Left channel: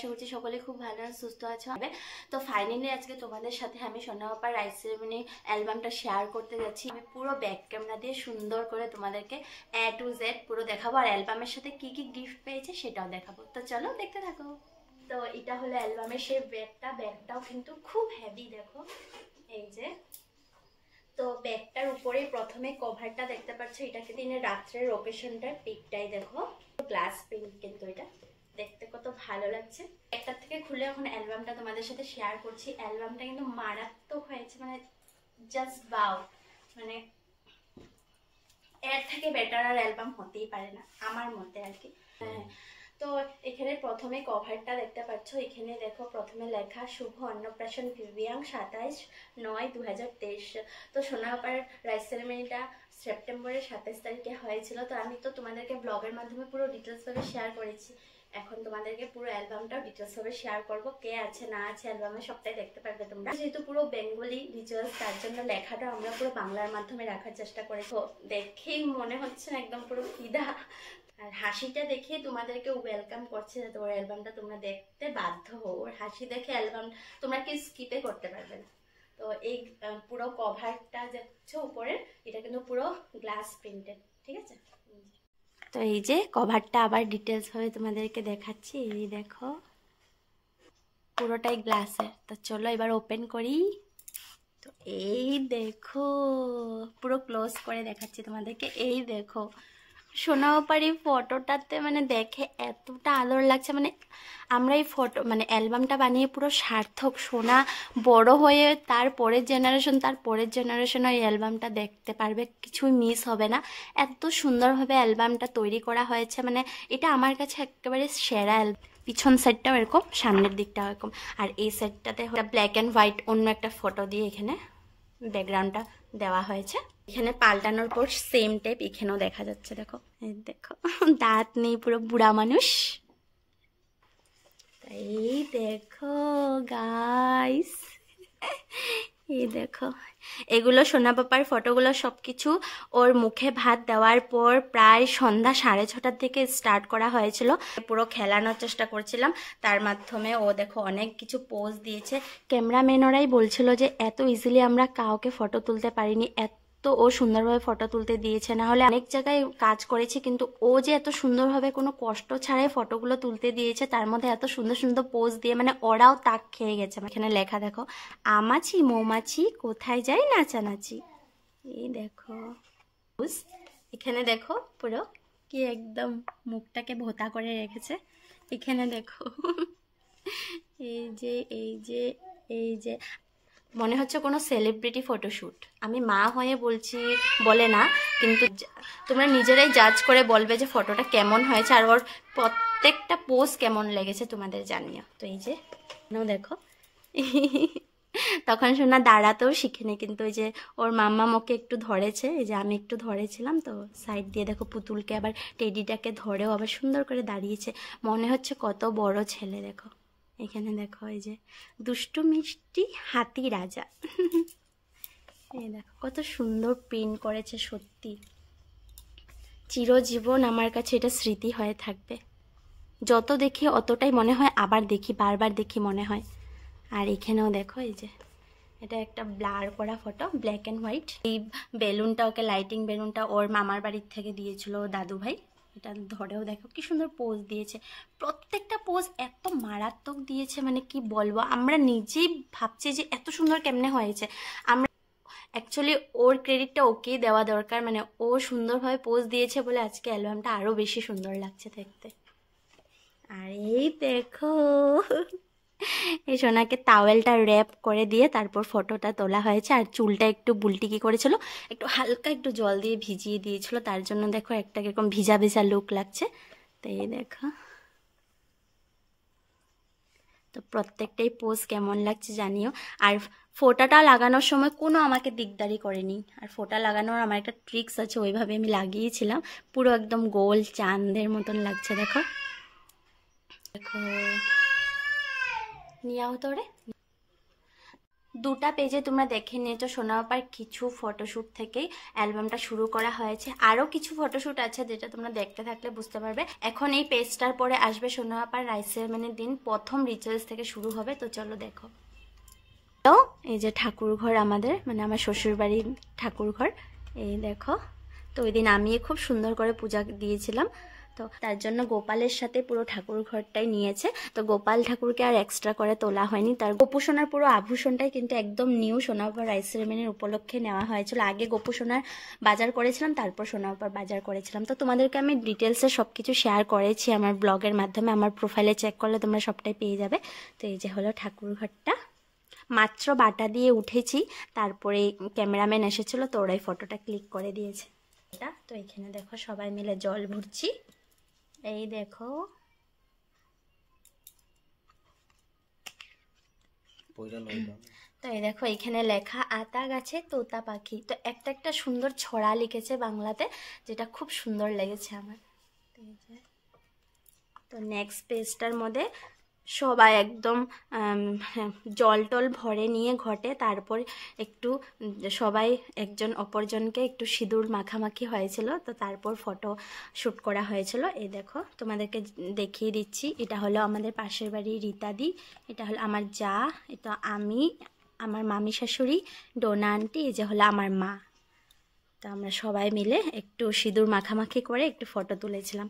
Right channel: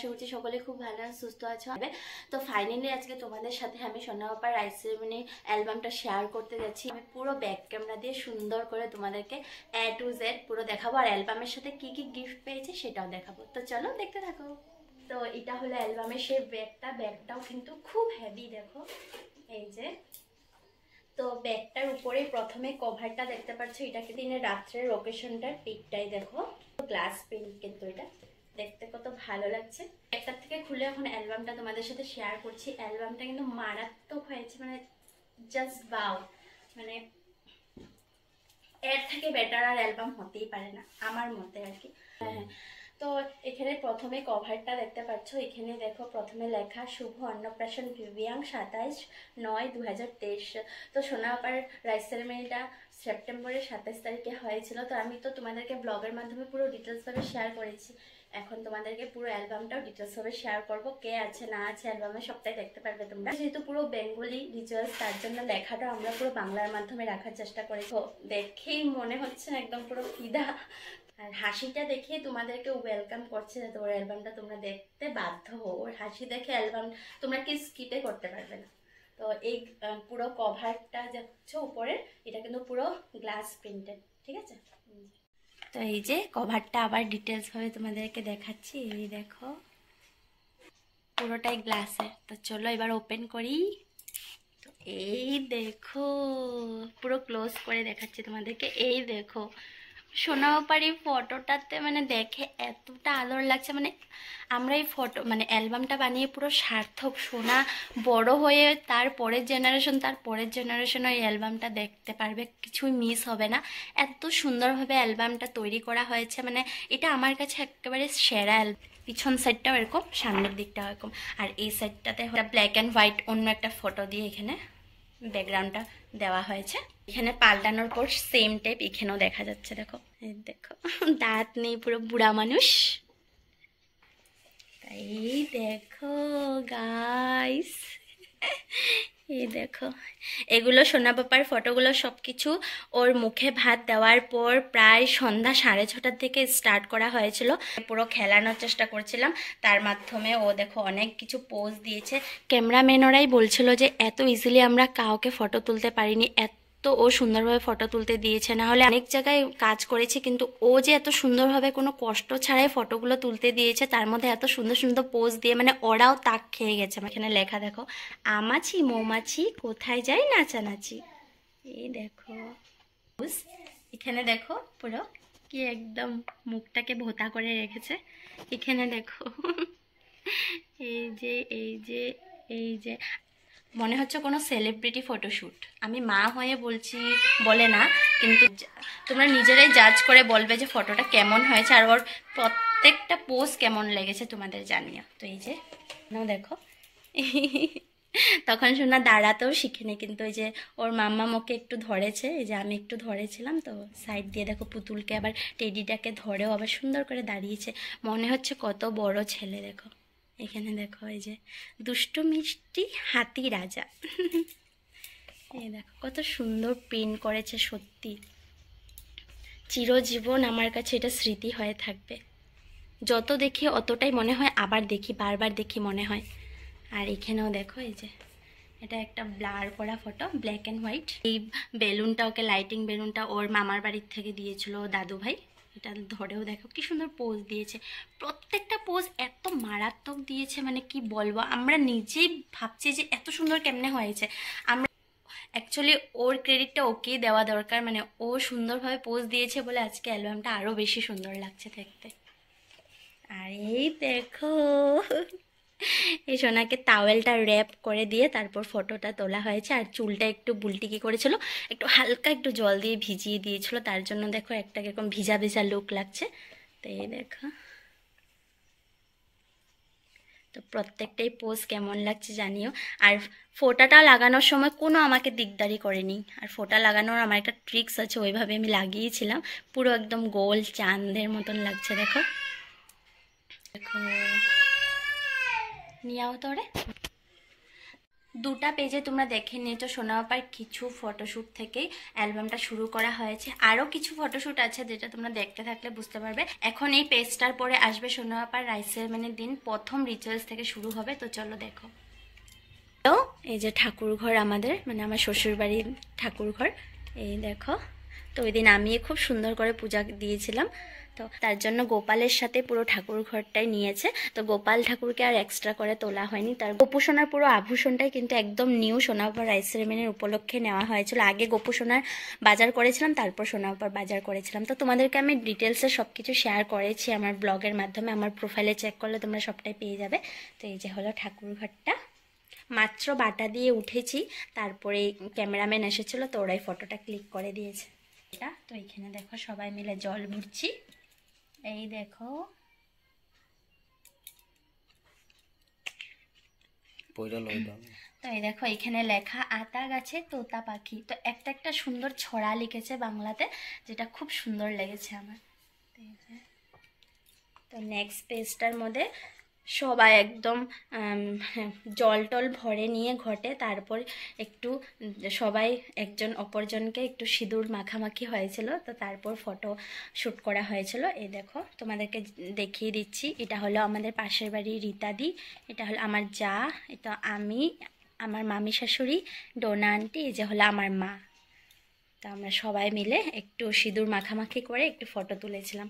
আশা করছি সকলে খুব ভালো আর সুস্থ আছো। তো ফাইনালি আজকে তোমাদের সাথে আমি সোনা পাপার রাইস সেরেমনি অ্যালবামটা শেয়ার করতে যাচ্ছি। আমি পুরো ব্যাক ক্যামেরা দিয়ে সুন্দর করে তোমাদেরকে A to Z পুরো দেখাবো, আর অ্যালবামের সাথে কি কি গিফট পেয়েছে সেটাও দেখাবো। তো চলো দেখতে থাকো। তো এটা হলো অ্যালবামের সেই ব্যাগটাও কিন্তু খুব হেভি, দেখো এই যে। তো ব্যাগটার উপরেই প্রথমে কভারটা দেখতে পাচ্ছ, এটাকে দিনের রাত্রের লোকেশনটার পিকটাই দেখো, গ্লাস প্রিন্ট, কিন্তু এটা দেখতে কত ভালো লাগছে। ব্যাগটার থেকে খুলে এখন অ্যালবামটা তোমাদের সাথে শেয়ার করছি। অ্যালবামটা কিন্তু মারাত্মক হয়েছে, মানে জাস্ট বাও, মানে এর থেকে বেটার আর অ্যালবাম হতেই পারে না আমার মতে আর কি। হ্যাঁ, তো এখানে প্রথমে কভারটা দেখতে পাচ্ছ, এখানে দেখো প্রথমে লেখা শুভ অন্নপ্রাশন ভিভিয়াং 27/9/2023। তো সোনা আপার রাইস সেরেমনিটা সেপ্টেম্বরের 27 তারিখে হয়েছিল। তো আমি তো তোমাদেরকে ব্লগের মাধ্যমে পুরো ডিটেলসভাবে শেয়ার করেছি, এখন তোমাদেরকে পুরো অ্যালবামটাও ডিটেলসভাবে শেয়ার করব। কে আছে না আছে অ্যালবামে সবটাই দেখতে পারবে তোমরা। যেহেতু পুরো বেঙ্গলি রিচুয়ালস, তার জন্য লেখাটা আমরা পুরো বাংলার মাধ্যমে রাখার চেষ্টা করেছি। দেখেই মনে হচ্ছে একদম পুরো ফিদা, আর হাসিটা দেখে তোমাদেরকে ওয়েলকাম করছে যাতে ওর অ্যালবামটা তোমরা দেখতে বাধ্য হও। ওর হাসি দেখে অ্যালবাম তোমরা কি স্কিপে করতে পারবে না। তো এই পুরো কভারটা যাচ্ছে উপরে, এটা কিন্তু পুরো গ্লাস প্রিন্টেড, ঠিক আছে। তো এই যে কভারটা আবার ডিটেলস ভাবে তোমাদেরকে দেখাচ্ছি, এই দেখো পুরোটাই গ্লাসের। তো চলো এবার ওপেন করি। তো এই দেখো পুরো ক্লোজ করে দেখাচ্ছি তোমাদেরকে, এই দেখো সোনা পাপার এই ফটোটাতে মানে দেখে এতটা আদর লাগছে, মানে আমরা এই ফটো মানে অ্যালবামটা বানিয়ে পুরো সার্থক। সোনা বড় হয়ে তার পরের জেনারেশন এই অ্যালবামটা দেখতে পারবে, কিছুই মিস হবে না। এত সুন্দরভাবে অ্যালবামটা তৈরি করা হয়েছে, মানে এটা আমার কাছে একেবারে সেরা অ্যালবাম। পিছন সাইডটাও এরকম, সামনের দিকটাও এরকম, আর এই সাইডটাতে ব্ল্যাক অ্যান্ড হোয়াইট অন্য একটা ফটো দিয়ে এখানে ব্যাকগ্রাউন্ডটা দেওয়া হয়েছে। এখানে পাল্টানোর পর সেম টাইপ এখানেও দেখা যাচ্ছে, দেখো এই দেখো দাঁত নেই, পুরো বুড়া মানুষ। এই দেখো গাইস, এই দেখো এগুলো সোনা পাপার ফটোগুলো সবকিছু ওর মুখে ভাত দেওয়ার পর প্রায় সন্ধ্যা 6:30টার থেকে স্টার্ট করা হয়েছিল। পুরো খেলানোর চেষ্টা করছিলাম, তার মাধ্যমে ও দেখো অনেক কিছু পোজ দিয়েছে। ক্যামেরাম্যানরাই বলছিল যে এত ইজিলি আমরা কাউকে ফটো তুলতে পারিনি, তো ও সুন্দরভাবে ফটো তুলতে দিয়েছে। না হলে অনেক জায়গায় কাজ করেছে, কিন্তু ও যে এত সুন্দরভাবে কোনো কষ্ট ছাড়াই ফটোগুলো তুলতে দিয়েছে, তার মধ্যে এত সুন্দর সুন্দর পোজ দিয়ে, মানে ওরাও তাক খেয়ে গেছে। এখানে লেখা দেখো, আমাছি মৌমাছি কোথায় যাই নাচানাচি। এই দেখো এখানে দেখো পুরো কি একদম মুখটাকে ভোতা করে রেখেছে। এখানে দেখো এই যে এই যে এই যে মনে হচ্ছে কোনো সেলিব্রিটি ফটোশ্যুট। আমি মা হয়ে বলছি বলে না, কিন্তু তোমরা নিজেরাই জাজ করে বলবে যে ফটোটা কেমন হয়েছে, আর ওর প্রত্যেকটা পোজ কেমন লেগেছে তোমাদের জানিও। তো এই যে দেখো তখন শোনা দাঁড়াতেও শিখেনি, কিন্তু ওই যে ওর মাম্মা ওকে একটু ধরেছে, এই যে আমি একটু ধরেছিলাম, তো সাইড দিয়ে দেখো পুতুলকে আবার টেডিটাকে ধরেও আবার সুন্দর করে দাঁড়িয়েছে। মনে হচ্ছে কত বড় ছেলে। দেখো এখানে দেখো এই যে দুষ্টু মিষ্টি হাতি রাজা এই দেখো কত সুন্দর প্রিন্ট করেছে, সত্যি চিরজীবন আমার কাছে এটা স্মৃতি হয়ে থাকবে। যত দেখি অতটাই মনে হয় আবার দেখি, বারবার দেখি মনে হয়। আর এখানেও দেখো এই যে এটা একটা ব্লার করা ফটো, ব্ল্যাক অ্যান্ড হোয়াইট। এই বেলুনটা ওকে, লাইটিং বেলুনটা ওর মামার বাড়ির থেকে দিয়েছিল দাদু ভাই। এটা ধরেও দেখো কি সুন্দর পোজ দিয়েছে, প্রত্যেকটা পোজ এত মারাত্মক দিয়েছে, মানে কি বলবো, আমরা নিজেই ভাবছি যে এত সুন্দর কেমনে হয়েছে। আমরা অ্যাকচুয়ালি ওর ক্রেডিটটা ওকেই দেওয়া দরকার, মানে ও সুন্দরভাবে পোজ দিয়েছে বলে আজকে অ্যালবামটা আরও বেশি সুন্দর লাগছে দেখতে। আর এই দেখো এই সোনাকে টাওয়েলটা র্যাপ করে দিয়ে তারপর ফটোটা তোলা হয়েছে। আর চুলটা একটু বুলটিকি করেছিল, একটু হালকা একটু জল দিয়ে ভিজিয়ে দিয়েছিল, তার জন্য দেখো একটা কিরকম ভিজা ভিজা লুক লাগছে। তো এই দেখো, তো প্রত্যেকটাই পোজ কেমন লাগছে জানিও। আর ফোঁটাটা লাগানোর সময় কোনো আমাকে দিকদারি করেনি, আর ফোঁটা লাগানোর আমার একটা ট্রিক্স আছে, ওইভাবে আমি লাগিয়েছিলাম, পুরো একদম গোল চাঁদের মতন লাগছে। দেখো দেখো নিয়াও তোরে। দুটা পেজে তোমরা দেখে নিয়েছো সোনাপাপার কিছু ফটোশ্যুট থেকেই অ্যালবামটা শুরু করা হয়েছে। আরও কিছু ফটোশ্যুট আছে যেটা তোমরা দেখতে থাকলে বুঝতে পারবে। এখন এই পেজটার পরে আসবে সোনাপাপার রাইস সেরেমনির দিন প্রথম রিচুয়ালস থেকে শুরু হবে। তো চলো দেখো। তো এই যে ঠাকুর ঘর আমাদের, মানে আমার শ্বশুরবাড়ির ঠাকুর ঘর, এই দেখো। তো ওই দিন আমি খুব সুন্দর করে পূজা দিয়েছিলাম, তো তার জন্য গোপালের সাথে পুরো ঠাকুর ঘরটাই নিয়েছে। তো গোপাল ঠাকুরকে আর এক্সট্রা করে তোলা হয়নি। তার গোপুসোনার পুরো আভূষণটাই কিন্তু একদম নিউ সোনাপাপার রাইস সেরেমনির উপলক্ষে নেওয়া হয়েছিল। আগে গোপুসোনার বাজার করেছিলাম, তারপর সোনাপাপার বাজার করেছিলাম। তো তোমাদেরকে আমি ডিটেলসে সব কিছু শেয়ার করেছি আমার ব্লগের মাধ্যমে, আমার প্রোফাইলে চেক করলে তোমরা সবটাই পেয়ে যাবে। তো এই যে হলো ঠাকুর ঘরটা, মাত্র বাটা দিয়ে উঠেছি, তারপরে ক্যামেরাম্যান এসেছিল, তো ওরাই ফটোটা ক্লিক করে দিয়েছে। এটা তো এখানে দেখো সবাই মিলে জল ভরছি, এই দেখো। তো এই দেখো এখানে লেখা আতা গাছে তোতা পাখি। তো একটা একটা সুন্দর ছড়া লিখেছে বাংলাতে, যেটা খুব সুন্দর লেগেছে আমার। তো নেক্সট পেজটার মধ্যে সবাই একদম জল টল ভরে নিয়ে ঘটে, তারপর একটু সবাই একজন অপরজনকে একটু সিঁদুর মাখামাখি হয়েছিল। তো তারপর ফটো শ্যুট করা হয়েছিল। এই দেখো তোমাদেরকে দেখিয়ে দিচ্ছি, এটা হলো আমাদের পাশের বাড়ি রীতাদি, এটা হলো আমার যা, এটা আমি, আমার মামি শাশুড়ি, ডোনা আন্টি, এই যে হলো আমার মা। তো আমরা সবাই মিলে একটু সিঁদুর মাখামাখি করে একটু ফটো তুলেছিলাম।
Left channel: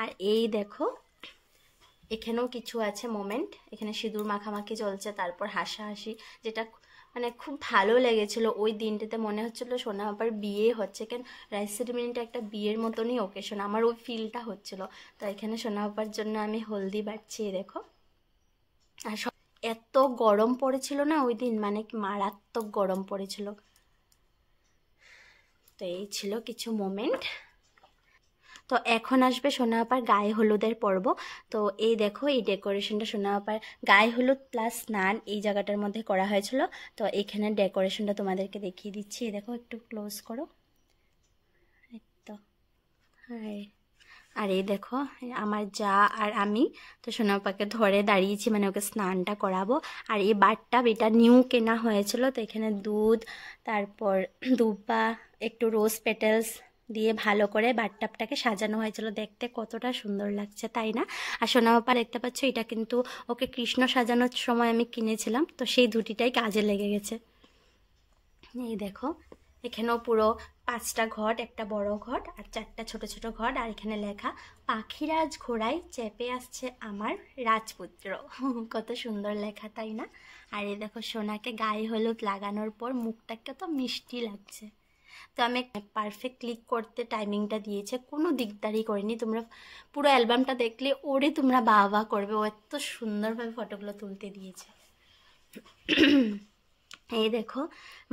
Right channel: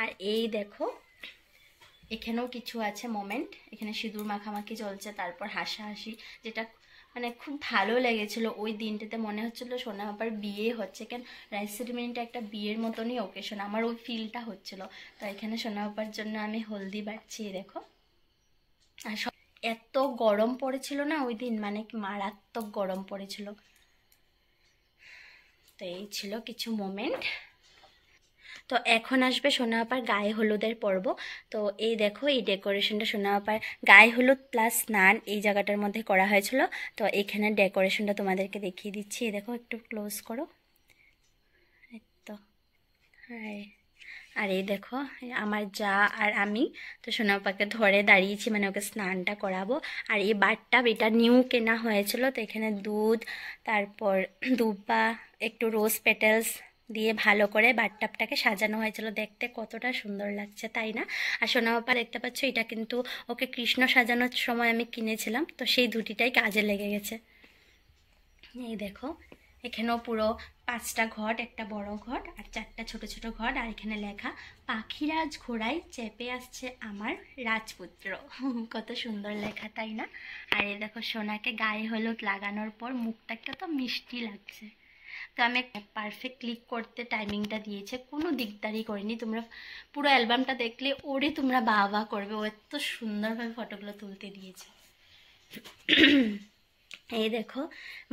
আর এই দেখো এখানেও কিছু আছে মোমেন্ট, এখানে সিঁদুর মাখামাখি চলছে, তারপর হাসাহাসি, যেটা মানে খুব ভালো লেগেছিল। ওই দিনটাতে মনে হচ্ছিল সোনাপাপার বিয়ে হচ্ছে, কেন রাইস সেরিমনিটা একটা বিয়ের মতনই ওকেশন, আমার ওই ফিলটা হচ্ছিল। তো এখানে সোনাপাপার জন্য আমি হলদি বাটছি, দেখো। আর এত গরম পড়েছিল না ওই দিন, মানে মারাত্মক গরম পড়েছিল। তো এই ছিল কিছু মোমেন্ট। তো এখন আসবে সোনাপাপার গায়ে হলুদের পর্ব। তো এই দেখো এই ডেকোরেশনটা সোনাপাপার গায়ে হলুদ প্লাস স্নান এই জায়গাটার মধ্যে করা হয়েছিল। তো এখানে ডেকোরেশনটা তোমাদেরকে দেখিয়ে দিচ্ছি, দেখো একটু ক্লোজ করো। তো আর এই দেখো আমার যা আর আমি তো সোনাপাপাকে ধরে দাঁড়িয়েছি, মানে ওকে স্নানটা করাবো। আর এই বাথটাব এটা নিউ কেনা হয়েছিল। তো এখানে দুধ, তারপর দুব্বা, একটু রোজ পেটেলস দিয়ে ভালো করে বাথটাবটাকে সাজানো হয়েছিল। দেখতে কতটা সুন্দর লাগছে, তাই না? আর সোনাপাপা দেখতে পাচ্ছ, এটা কিন্তু ওকে কৃষ্ণ সাজানোর সময় আমি কিনেছিলাম, তো সেই দুটিটাই কাজে লেগে গেছে। এই দেখো এখানেও পুরো 5টা ঘট, একটা বড় ঘট আর 4টা ছোট ছোট ঘট। আর এখানে লেখা পাখিরাজ ঘোড়ায় চেপে আসছে আমার রাজপুত্র। কত সুন্দর লেখা, তাই না? আর এই দেখো সোনাকে গায়ে হলুদ লাগানোর পর মুখটা কত মিষ্টি লাগছে। তো আমি পারফেক্ট ক্লিক করতে টাইমিংটা দিয়েছে, কোনো দিকদারি করিনি। তোমরা পুরো অ্যালবামটা দেখলে ওরে তোমরা বাহ করবে, ও এত সুন্দরভাবে ফটোগুলো তুলতে দিয়েছে। এই দেখো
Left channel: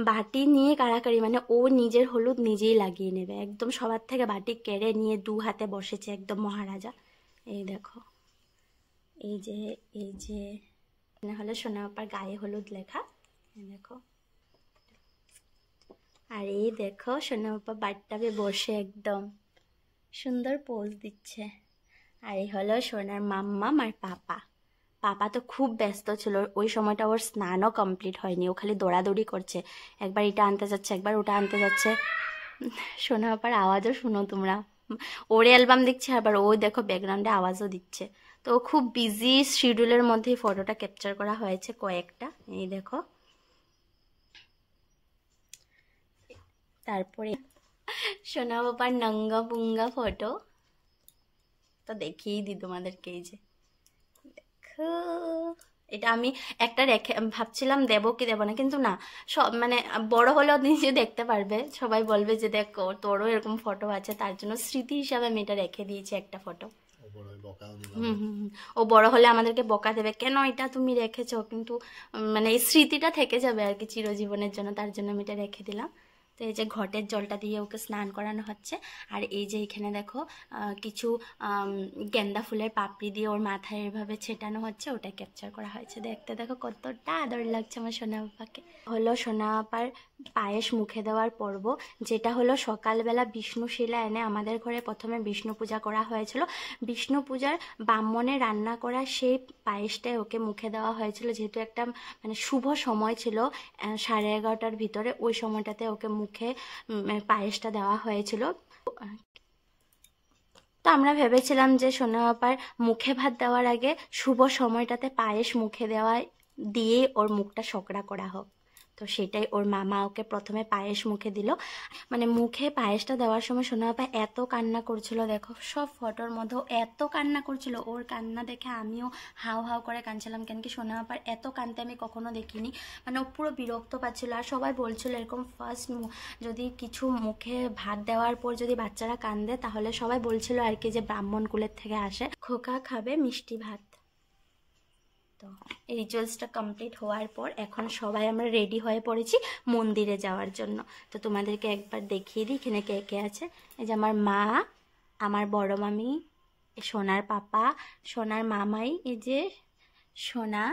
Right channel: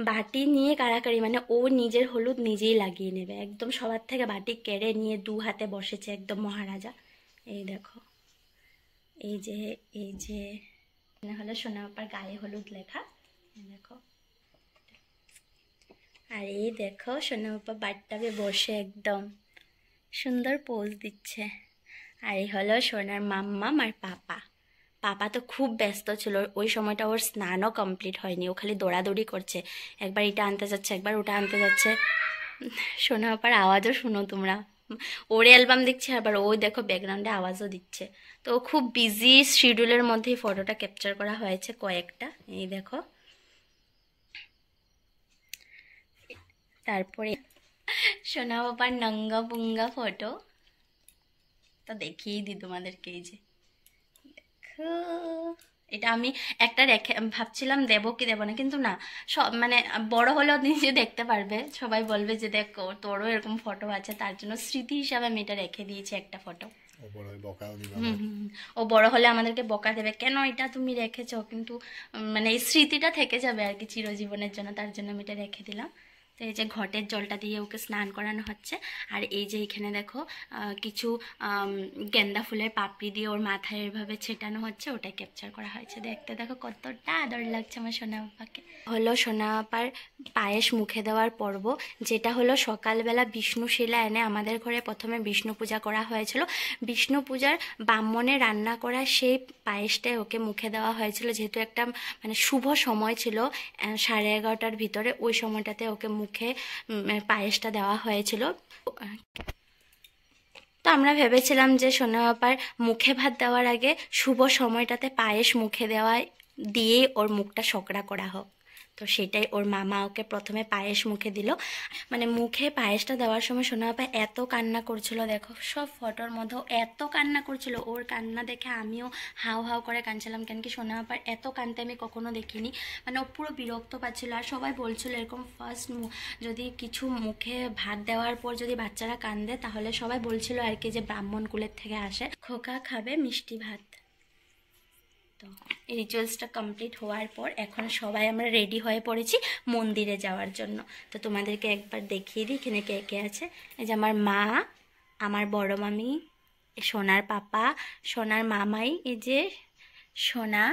বাটি নিয়ে কাড়াকাড়ি, মানে ও নিজের হলুদ নিজেই লাগিয়ে নেবে, একদম সবার থেকে বাটি কেড়ে নিয়ে 2 হাতে বসেছে, একদম মহারাজা। এই দেখো এই যে হলো সোনাপাপার গায়ে হলুদ লেখা, এই দেখো। আর এই দেখো সোনাপাপা বাথটাবে বসে একদম সুন্দর পোজ দিচ্ছে। আর এই হলো সোনার মাম্মাম আর পাপা। পাপা তো খুব ব্যস্ত ছিল ওই সময়টা, ওর স্নানও কমপ্লিট হয়নি, ও খালি দৌড়াদৌড়ি করছে, একবার এটা আনতে যাচ্ছে একবার ওটা আনতে যাচ্ছে। সোনাপাপার আওয়াজও শুনো তোমরা, ওর অ্যালবাম দেখছে, আবার ওই দেখো ব্যাকগ্রাউন্ডে আওয়াজও দিচ্ছে। তো খুব বিজি শিডিউলের মধ্যেই ফটোটা ক্যাপচার করা হয়েছে কয়েকটা, এই দেখো। তারপরে সোনাপাপার নঙ্গা পুঙ্গা ফটো তো দেখিয়েই দিই তোমাদেরকে, এই যে দেখো। এটা আমি একটা রেখে ভাবছিলাম দেবো কি দেবো না, কিন্তু না, সব মানে বড় হলেও নিজে দেখতে পারবে, সবাই বলবে যে দেখো তোরও এরকম ফটো আছে, তার জন্য স্মৃতি হিসাবে আমি এটা রেখে দিয়েছি একটা ফটো। ও বড় হলে আমাদেরকে বকা দেবে, কেন এটা তুমি রেখেছো, কিন্তু মানে এই স্মৃতিটা থেকে যাবে আর কি চিরজীবনের জন্য, তার জন্য আমি এটা রেখে দিলাম। তো এই যে ঘটের জলটা দিয়ে ওকে স্নান করানো হচ্ছে। আর এই যে এখানে দেখো কিছু গেন্দা ফুলের পাপড়ি দিয়ে ওর মাথায় এভাবে ছেটানো হচ্ছে, ওটাই ক্যাপচার করা হয়েছে। দেখতে দেখো কতটা আদর লাগছে আমার সোনা বাবাকে। হলো সোনা বাবার পায়েস মুখে দেওয়ার পর্ব, যেটা হলো সকালবেলা বিষ্ণু শিলা এনে আমাদের ঘরে প্রথমে বিষ্ণু পূজা করা হয়েছিল। বিষ্ণু পূজার ব্রাহ্মণে রান্না করা সেই পায়েসটাই ওকে মুখে দেওয়া হয়েছিল, যেহেতু একটা মানে শুভ সময় ছিল 11:30টার ভিতরে, ওই সময়টাতে ওকে মুখে পায়েসটা দেওয়া হয়েছিল। তো আমরা ভেবেছিলাম যে সোনা বাবার মুখে ভাত দেওয়ার আগে শুভ সময়টাতে পায়েস মুখে দেওয়া দিয়েই ওর মুখটা সকড়া করা হোক। তো সেটাই ওর মামা ওকে প্রথমে পায়েস মুখে দিল। মানে মুখে পায়েসটা দেওয়ার সময় সোনা বাবা এত কান্না করছিল, দেখো সব ফটোর মধ্যেও এত কান্না করছিল। ওর কান্না দেখে আমিও হাউ হাউ করে কাঁদছিলাম, কেন কি সোনা বাবার এত কাঁদতে আমি কখনো দেখিনি। মানে ও পুরো বিরক্ত পাচ্ছিল। আর সবাই বলছিল এরকম ফার্স্ট যদি কিছু মুখে ভাত দেওয়ার পর যদি বাচ্চারা কাঁদে, তাহলে সবাই বলছিল আর কি যে ব্রাহ্মণ কুলের থেকে আসে, খোকা খাবে মিষ্টি ভাত। তো এই রিচুয়ালসটা কমপ্লিট হওয়ার পর এখন সবাই আমরা রেডি হয়ে পড়েছি মন্দিরে যাওয়ার জন্য। তো তোমাদেরকে একবার দেখিয়ে দিই এখানে কে কে আছে। এই যে আমার মা, আমার বড় মামি, সোনার পাপা, সোনার মামাই, এই যে সোনা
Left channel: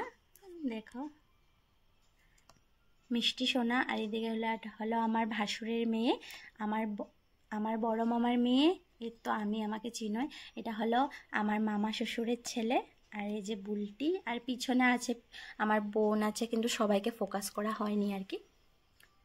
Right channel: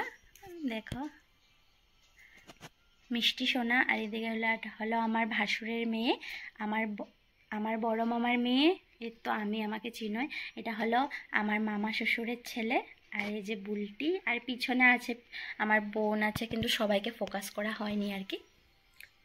দেখো মিষ্টি সোনা, আর এদিকে হলো আমার ভাসুরের মেয়ে, আমার বড় মামার মেয়ে, এর তো আমাকে চিনোই, এটা হলো আমার মামা শ্বশুরের ছেলে। আর এই যে বুলটি, আর পিছনে আছে আমার বোন আছে, কিন্তু সবাইকে ফোকাস করা হয়নি আর কি।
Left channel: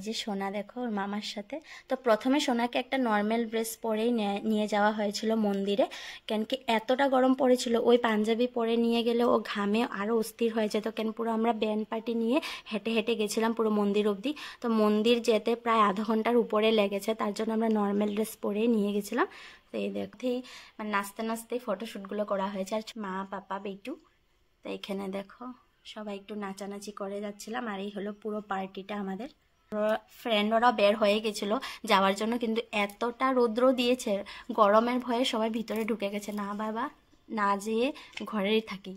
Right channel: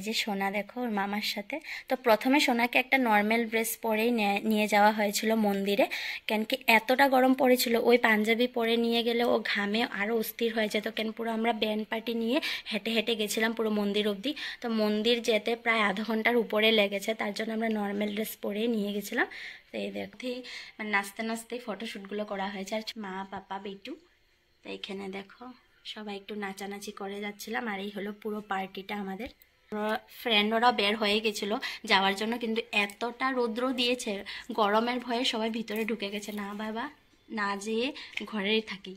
যে সোনা দেখো ওর মামার সাথে। তো প্রথমে সোনাকে একটা নর্মাল ড্রেস পরেই নিয়ে যাওয়া হয়েছিল মন্দিরে, কেন কি এতটা গরম পড়েছিল, ওই পাঞ্জাবি পরে নিয়ে গেলে ও ঘামে আরও অস্থির হয়ে যেত। কেন পুরো আমরা ব্যান্ড পার্টি নিয়ে হেঁটে হেঁটে গেছিলাম পুরো মন্দির অবধি। তো মন্দির যেতে প্রায় আধা ঘন্টার উপরে লেগেছে, তার জন্য আমরা নর্মাল ড্রেস পরেই নিয়ে গেছিলাম। তো এই দেখতেই মানে নাচতে নাচতেই ফটোশ্যুটগুলো করা হয়েছে। আর মা পাপা বেটু, তো এখানে দেখো সবাই একটু নাচানাচি করে যাচ্ছিলাম। আর এই হলো পুরো পার্টিটা আমাদের। ফ্রেন্ডরা বের হয়ে গেছিল যাওয়ার জন্য, কিন্তু এতটা রৌদ্র দিয়েছে গরমের ভয়ে সবাই ভিতরে ঢুকে গেছে, না বাবা না যেয়ে ঘরেই থাকি।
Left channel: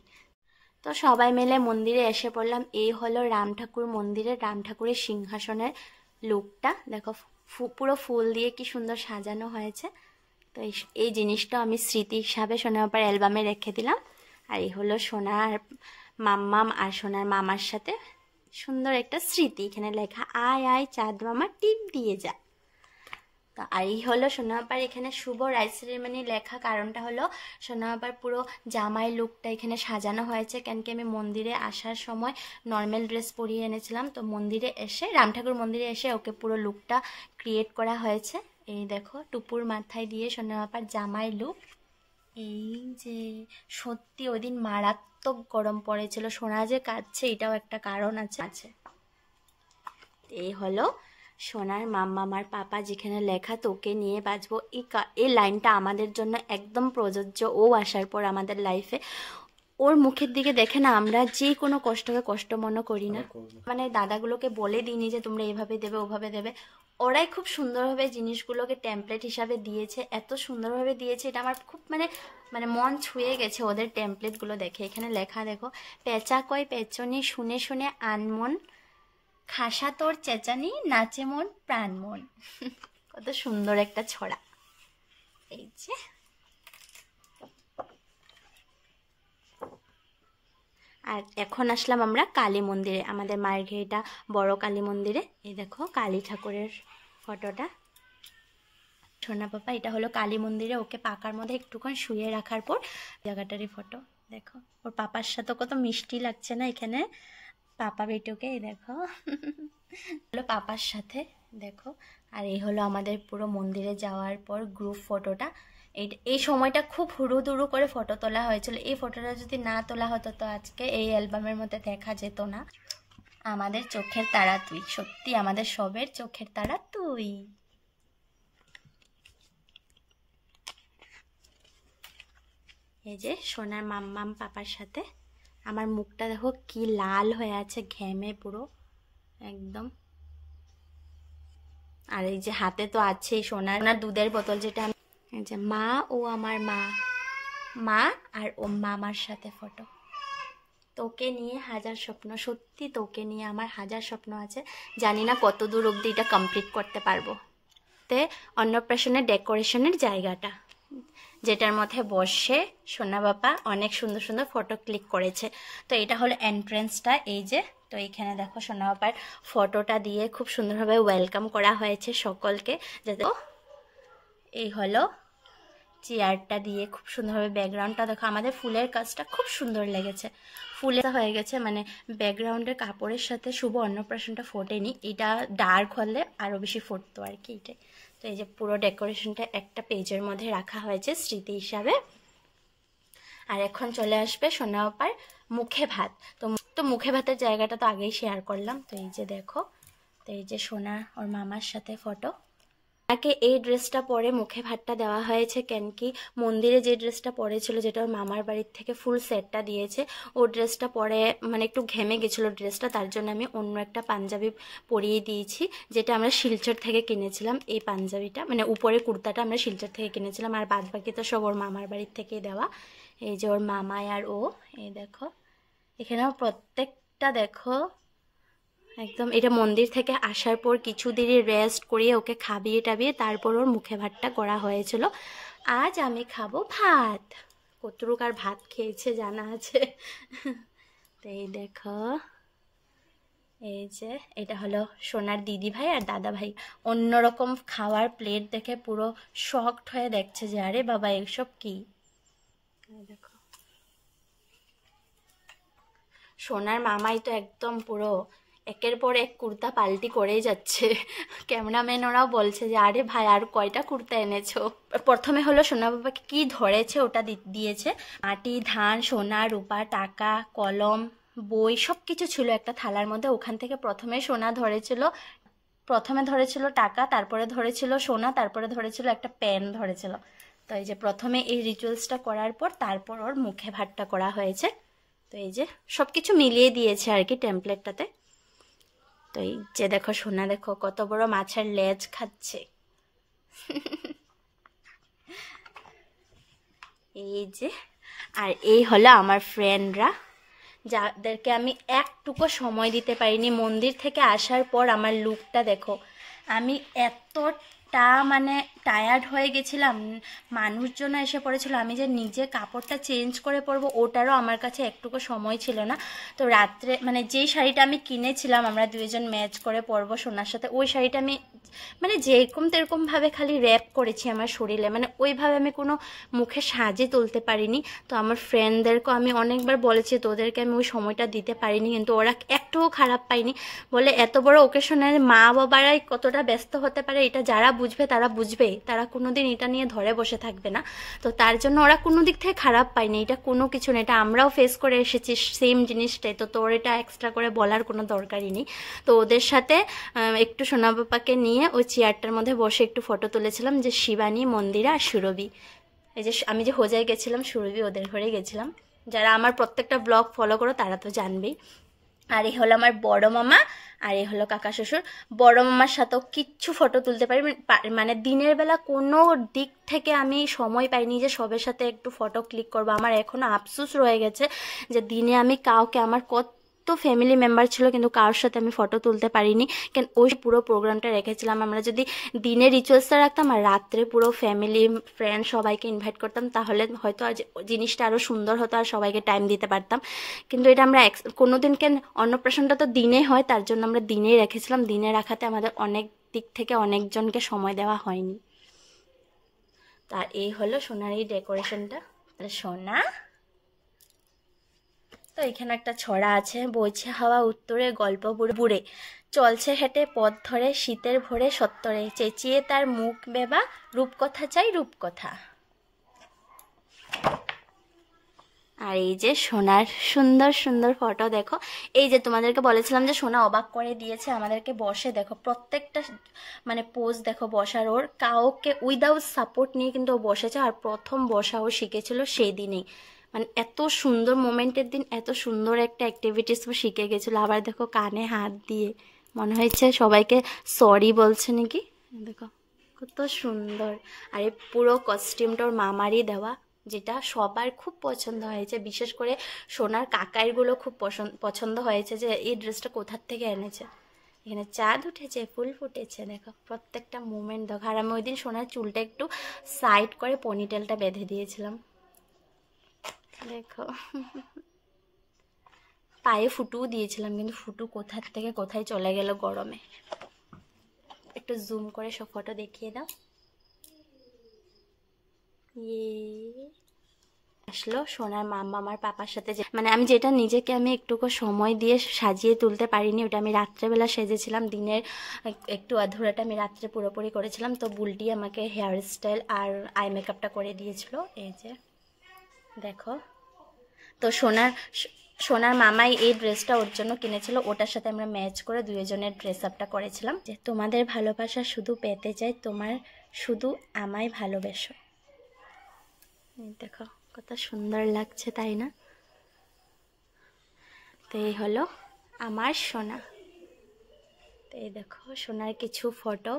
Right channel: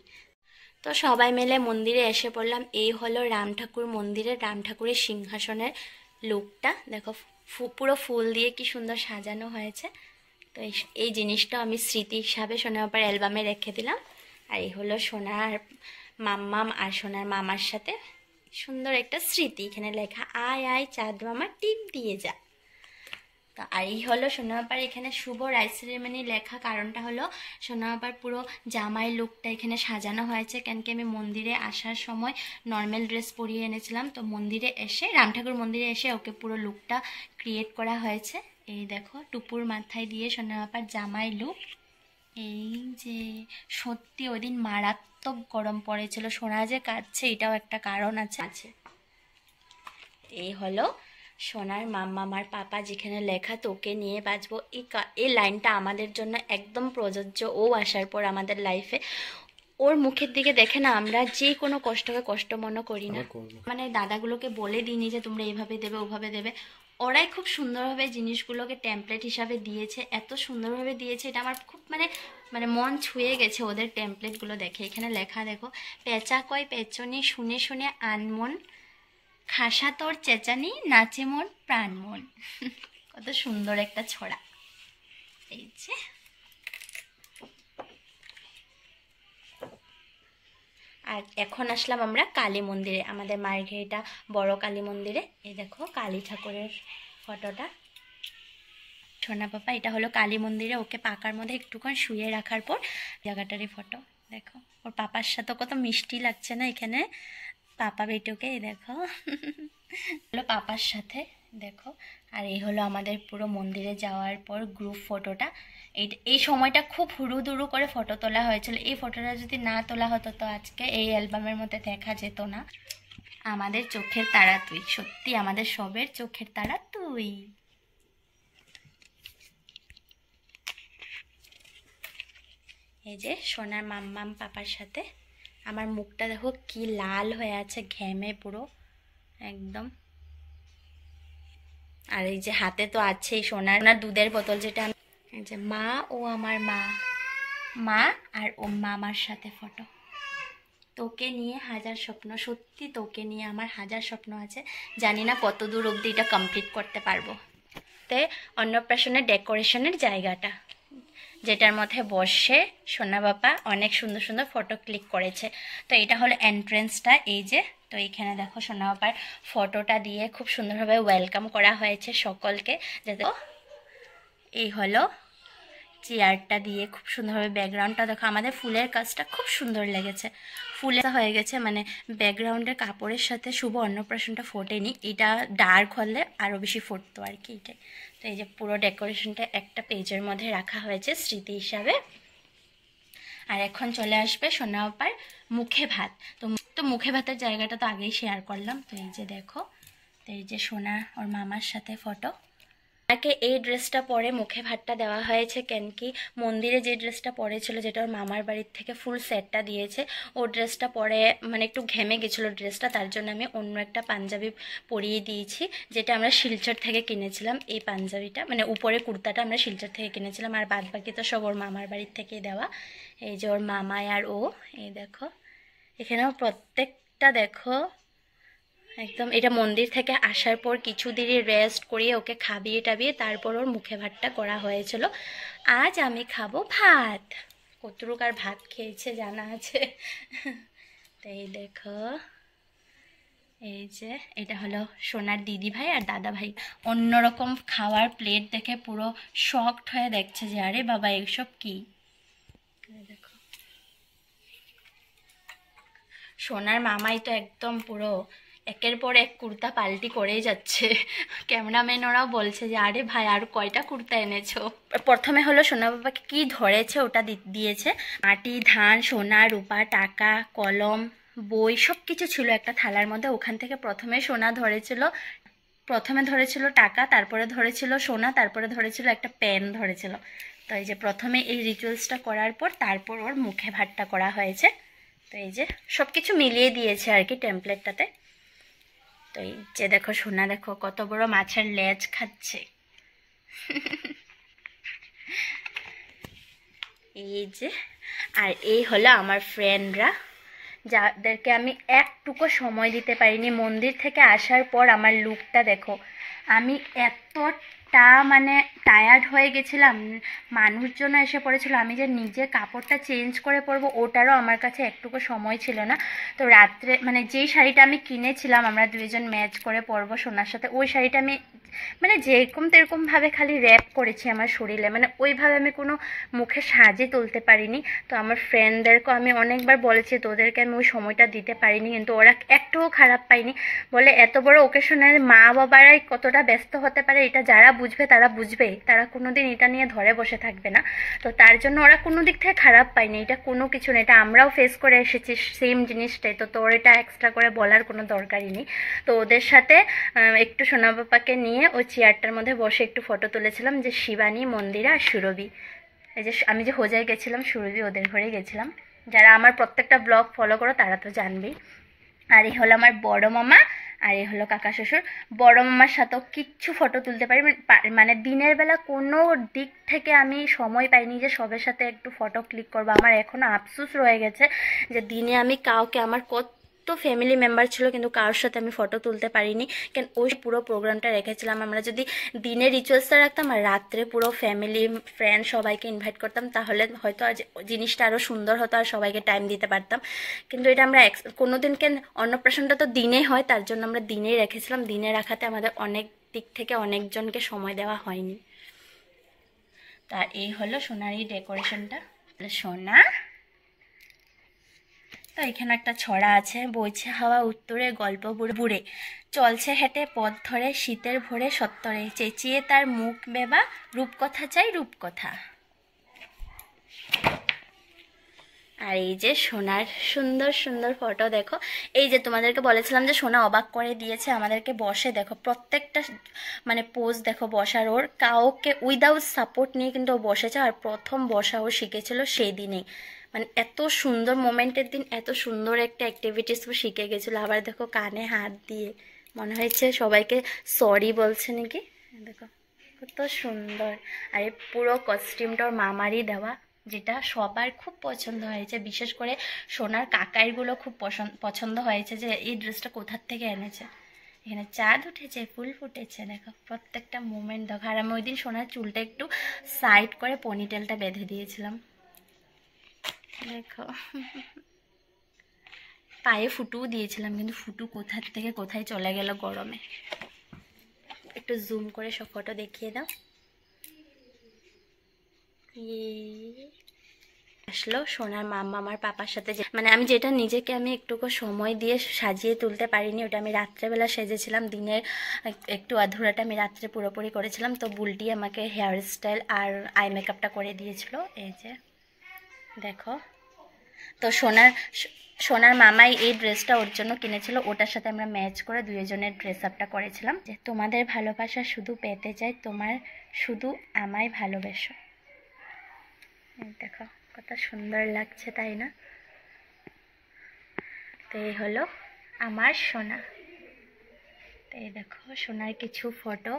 তো সবাই মিলে মন্দিরে এসে পড়লাম। এই হলো রাম ঠাকুর মন্দিরের রাম ঠাকুরের সিংহাসনের লুকটা দেখো, পুরো ফুল দিয়ে কি সুন্দর সাজানো হয়েছে। তো এই জিনিসটা আমি স্মৃতি হিসাবে সোনা বাবার অ্যালবামে রেখে দিলাম। আর এই হলো সোনার মাম্মাম আর সোনার মামার সাথে সুন্দর একটা স্মৃতি, এখানে লেখা আয় আয় চাঁদ মামা টিপ দিয়ে যা। তো আর এই হলো সোনা বাবার এখানে শুভ রাইস সেরেমনি লেখা, কারণটা হলো সোনা বাবার পুরো জামাই লুকটা এখানে সাজানো হয়েছে, কেন কি আমি মন্দিরে আসার সময় নর্মাল ড্রেস পরিয়ে এনেছিলাম। তো মন্দিরে এসে রাম ঠাকুর মন্দিরে এসে ওকে পুরো লুকটা ক্রিয়েট করা হয়েছে। এই দেখো টুপুর মাথায় দিয়ে সোনা বাবার জামাই লুক। এই যে সত্যি ওই দিন মারাত্মক গরম পড়েছিল, সোনা যে কাঁদছে এটাও একটা কারণ আছে। এই হলো সোনার মাম্মামার পাপা, যেখানে লেখা তোকে নিয়ে বাঁচবো। এই লাইনটা আমাদের জন্য একদম প্রযোজ্য। ও আসার পর আমাদের লাইফে ওর মুখের দিকে দেখে না আমরা যে কোনো কষ্টকে কষ্ট মনে করি না। মানে দাদাগুলোকে বলে দিইনি যে তোমরা এইভাবে দেবে ওভাবে দেবে, ওরাই খুব সুন্দরভাবে জিনিসগুলোকে টেমপ্লেট হিসাবে দিয়েছে, এত সুন্দরভাবে দিয়েছে, এটা আমার খুব মানে মন ছুঁয়ে গেছে ওদের টেমপ্লেটগুলো দেখে। এখানে লেখা দেখো, পেঁচা কয় পেছনে শুনে শুনে আনমন, খাসা তোর চেঁচানি নাচে মন প্রাণ মন। কত সুন্দর একটা ছড়া। এই যে আর এখন আসলাম আমরা কালী মন্দিরে, আমাদের মার্ঘেরিটা বড় কালী মন্দিরে। এই দেখো কালী ঠাকুরের ফটোটা। সোনা পাপা এটা হলো কালী মন্দিরে ওকে পাকার মধ্যে একটুক্ষণ শুয়ে রাখার পর জায়গাটারই ফটো। দেখো ওর পাপার সাথে কত মিষ্টি লাগছে না এখানে পাপা বেটুকে। দেখো হলো পাপার সাথে দেখো। আর এই হলো আমাদের পুরো মন্দিরে যাওয়ার পর গ্রুপ ফটোটা। এই সময়টা খুব হুড়ুদুড়ু করে ফটো তোলা হয়েছিল। এই ফটোটা যদি না তোলা হতো তো আজকে এই অ্যালবামের মধ্যে দেখা যেত না। আমাদের চোখের তারা তুই, সত্যি আমাদের সবের চোখের তারা তুই। এই যে সোনার মাম্মাম পাপার সাথে আমার মুখটা দেখো কি লাল হয়ে আছে ঘেমে পুরো একদম। আর এই যে হাতে তো আছেই সোনার দুধের বোতল, যেটা এই যে মা ও আমার মা আর ও মামার সাথে ফটো। তোকে নিয়ে হাজার স্বপ্ন, সত্যি তোকে নিয়ে আমার হাজার স্বপ্ন আছে, জানি না কত দূর অবধি এটা কমপ্লিট করতে পারবো। তে অন্নপ্রাশনের ডেকোরেশনের জায়গাটা, যেটার মধ্যে বসে সোনা বাবা অনেক সুন্দর সুন্দর ফটো ক্লিক করেছে। তো এটা হলো এন্ট্রেন্সটা, এই যে। তো এইখানে দেখো সোনা বাবার ফটোটা দিয়ে খুব সুন্দরভাবে ওয়েলকাম করা হয়েছে সকলকে। যাতে এই হলো চেয়ারটা দিয়ে খুব সুন্দরভাবে, ব্যাকগ্রাউন্ডটা দেখো, আমাদের ফুলের কাজটা খুব সুন্দর লেগেছে, ফুলে হয়ে গেছে, মানে ব্যাকগ্রাউন্ডের কাপড়ের সাথে শুভ অন্নপ্রাশনটা ফোটেনি, এটা ডার্ক হলে আরও বেশি ফুটতো আর কি, এটাই। তো এই যে পুরো ডেকোরেশনটা একটা পেজের মধ্যে রাখা হয়েছে স্মৃতি হিসাবে। আর এখন চলে আসবে সোনা বাবার মুখে ভাত। তো মুখে ভাতের জায়গাটা তো আগেই শেয়ার করলাম। তো এই যে দেখো, তো এই যে সোনা ওর মামার সাথে ফটো। তাকে এই ড্রেসটা পরে মুখে ভাতটা দেওয়া হয়েছে, কেন কি মন্দিরে যে ড্রেসটা পরেছিল, যেটা ওর মামার বাড়ির থেকে ফুল সেটটা দিয়েছে, ও ড্রেসটা পরে মানে একটু ঘেমে গেছিলো ড্রেসটা, তার জন্য আমি অন্য একটা পাঞ্জাবি পরিয়ে দিয়েছি, যেটা আমরা শিলচর থেকে কিনেছিলাম। এই পাঞ্জাবিটা মানে উপরে কুর্তাটা আমরা শিলচর থেকে কিনেছিলাম, আর বাদ বাকি তো সব ওর মামার বাড়ির থেকেই দেওয়া। এই যে ওর মামায় আর ও, এই দেখো এখানেও প্রত্যেকটা দেখো একদম। এটা মন্দির থেকে আসার পর কিছুদিনই রেস্ট করিয়ে ওকে খাবিয়ে টাবিয়ে তারপর ওর মুখে ভাতটা করা হয়েছিল। আজ আমি খাবো ভাত, কতটুক আর ভাত খেয়েছে জানা আছে। তো এই দেখো, এই যে এটা হলো সোনার দিদি ভাই আর দাদা ভাই। অন্যরকম খাওয়ার প্লেট দেখে পুরো শকড হয়ে দেখছে যে আরে বাবা এইসব কি। দেখো সোনার মামাই তো একদম পুরো একের পর এক কুর্তা পাল্টি করেই যাচ্ছে। ক্যামেরাম্যান ওরাও বলছে যে আরে ভাই আর কয়টা কুর্তা এনেছো। প্রথমে হলো সোনা বাবাকে কি ধরেছে ওটা দিয়েছে, মাটি, ধান, সোনা, রূপা, টাকা, কলম, বই সব কিছু ছিল একটা থালার মধ্যে। ওখান থেকে প্রথমে ধরেছিল টাকা, তারপরে ধরেছিল সোনা, তারপরে ধরেছিল একটা পেন ধরেছিল। তো এই যে প্রথমে এই রিচুয়ালসটা করার পর তারপর ওর মুখে ভাতটা করা হয়েছে। তো এই যে সব কিছু মিলিয়ে দিয়েছে আর কি টেমপ্লেটটাতে। তো এই যে দেখো সোনা দেখো কত বড় মাছের লেজ খাচ্ছে। এই যে, আর এই হলো আমার ফ্রেন্ডরা, যাদেরকে আমি একটুকু সময় দিতে পারিনি। মন্দির থেকে আসার পর আমার লুকটা দেখো, আমি এতটা মানে টায়ার্ড হয়ে গেছিলাম, মানুষজন এসে পড়েছিল, আমি যে নিজে কাপড়টা চেঞ্জ করে পরবো ওটারও আমার কাছে একটুকু সময় ছিল না। তো রাত্রে মানে যেই শাড়িটা আমি কিনেছিলাম আমরা দুইজন ম্যাচ করে পরবো সোনার সাথে, ওই শাড়িটা আমি মানে যেরকম তেরকমভাবে খালি র্যাপ করেছি আমার শরীরে, মানে ওইভাবে আমি কোনো মুখে সাজে তুলতে পারিনি। তো আমার ফ্রেন্ডদেরকেও আমি অনেকবার বলেছি, তোদেরকে আমি ওই সময়টা দিতে পারিনি, কিন্তু ওরা একটুও খারাপ পায়নি। বলে এত বড় ওকেশনের মা বাবারাই কতটা ব্যস্ত হতে পারে এটা যারা বুঝবে তারা বুঝবে, তারা কোনোদিন এটা নিয়ে ধরে বসে থাকবে না। তো তার জন্য ওরা কোনো দিক থেকে খারাপ পায়নি, এটা কোনো কিছু না, এটা আমরাও ফেস করে এসেছি সেম জিনিসটাই। তো তোর এটা এক্সট্রা করে বলার কোনো দরকারই নেই। তো ওদের সাথে একটু সোনা বাবাকে নিয়ে ওই চেয়ারটার মধ্যে বসে একটু ফটো তুলেছিলাম, যে শিবানী, মন্দিরা আর সুরভি। এই যে আমি যে হোজায় গেছিলাম, সুরভি ওদের ঘরে গেছিলাম। যারা আমার প্রত্যেকটা ব্লগ ফলো করো তারা তো জানবেই। আর এই হলো আমার বড় মামা, আর এই হলো কাকা শ্বশুর। বড় মামার সাথেও কিচ্ছু ফটো তুলতে পারি মানে দিনের বেলা কোনো দিক থেকে আমি সময় পাইনি যে সবের সাথে একটু ফটো ক্লিক করবো। আমার এখনও আফসোস রয়ে গেছে যে দিনে আমি কাউকে, আমার তো ফ্যামিলি মেম্বার ছিল কিন্তু কারোর সাথে আমি ফটো তুলতে পারিনি, কেন ওই পুরো প্রোগ্রামটা রেখেছিলাম। আমরা যদি দিনে রিচুয়ালসটা রাখতাম আর রাত্রে পুরো ফ্যামিলি ফ্রেন্ড সবাইকে ইনভাইট করতাম, তাহলে হয়তো জিনিসটা আরও সুন্দর হতো আর সবাইকে টাইম দিতে পারতাম। কিন্তু এটা আমরা কোনোদিন কেন, অন্নপ্রাশনটা তো দিনে হয়, তার জন্য আমরা দিনেই রেখেছিলাম। দিনে রাখাতে আমাদের অনেক দিক থেকে অনেকজনকে সময় দেওয়া হয়নি। তার এই হলো সোনার এই ডেকোরেশনটা। সোনা তো এখানে একটা ছড়া আছে, বইছে হাওয়া উত্তরে, গল্প বুড়ে চলছে হেঁটে পথ ধরে, শীতের ভোরে সত্তরে, চেঁচিয়ে তার মুখ বেবা, রূপকথা চাই রূপকথা। আর এই যে সোনার সুন্দর সুন্দর ফটো দেখো। এই যে তোমাদেরকে বলেছিলাম যে সোনা অবাক করে দিয়েছে আমাদেরকে, বসে দেখো প্রত্যেকটা মানে পোজ দেখো বসার, ওর কাউকে উইদাউট সাপোর্ট নিয়ে কিন্তু ও বসেছে। আর প্রথম বসা ও শিখেছিল সেই দিনেই, মানে এত সুন্দর মোমেন্টের দিন এত সুন্দর একটা অ্যাক্টিভিটিস শিখে গেছিলো। আবার দেখো কানে হাত দিয়ে মনে হয়েছে সবাইকে সরি বলছে নাকি, দেখো কত সুন্দর। আর এই পুরো কস্টিউমটা ওর মামারই দেওয়া, যেটা সবার খুব পছন্দ হয়েছে, বিশেষ করে সোনার কাকাইগুলো খুব পছন্দ হয়েছে যে এই ড্রেসটা কোথার থেকে এনেছে। এখানে চাঁদ উঠেছে, ফুল ফুটেছে, দেখো প্রত্যেকটা মোমেন্ট দেখো। আর আমি ওই দিন সোনার চুলটা একটু সাইড করে পনিটেলটা বেঁধে দিয়েছিলাম, দেখো। পায়ে ফুটুও দিয়েছিলাম, কিন্তু ফুটু কোথার থেকে কোথায় চলে গেল গরমে। একটু জুম করে সব ফটো দেখিয়ে দাও। আসলো সোনার মাম্মা আমার পাপার সাথে, মানে আমি যেটা নিজেকে আমি একটুকু সময় দিয়ে সাজিয়ে তুলতে পারিনি, ওটা আমি রাত্রেবেলা সেজেছিলাম। দিনের একটু আধুরাটা আমি রাত্রে পুরোপুরি করেছিলাম। তো বুলটি আমাকে হেয়ার স্টাইল আর আই মেকআপটা করে দিয়েছিল, এই যে দেখো। তো সোনার মামাই এই ড্রেসটা ওর জন্য কিনেছিল, ওটার সাথে আমরা ম্যাচ করে দুজনের ড্রেস আপটা করেছিলাম। যে তোমাদের ভালোবাসা শুধু পেতে চাই, তোমার শুধু আমায় ভালোবেসো। দেখো কত সুন্দর লাগছে, তাই না? তো এই হলো আমার সোনা। তো এই দেখো সোনার কিছু ফটো,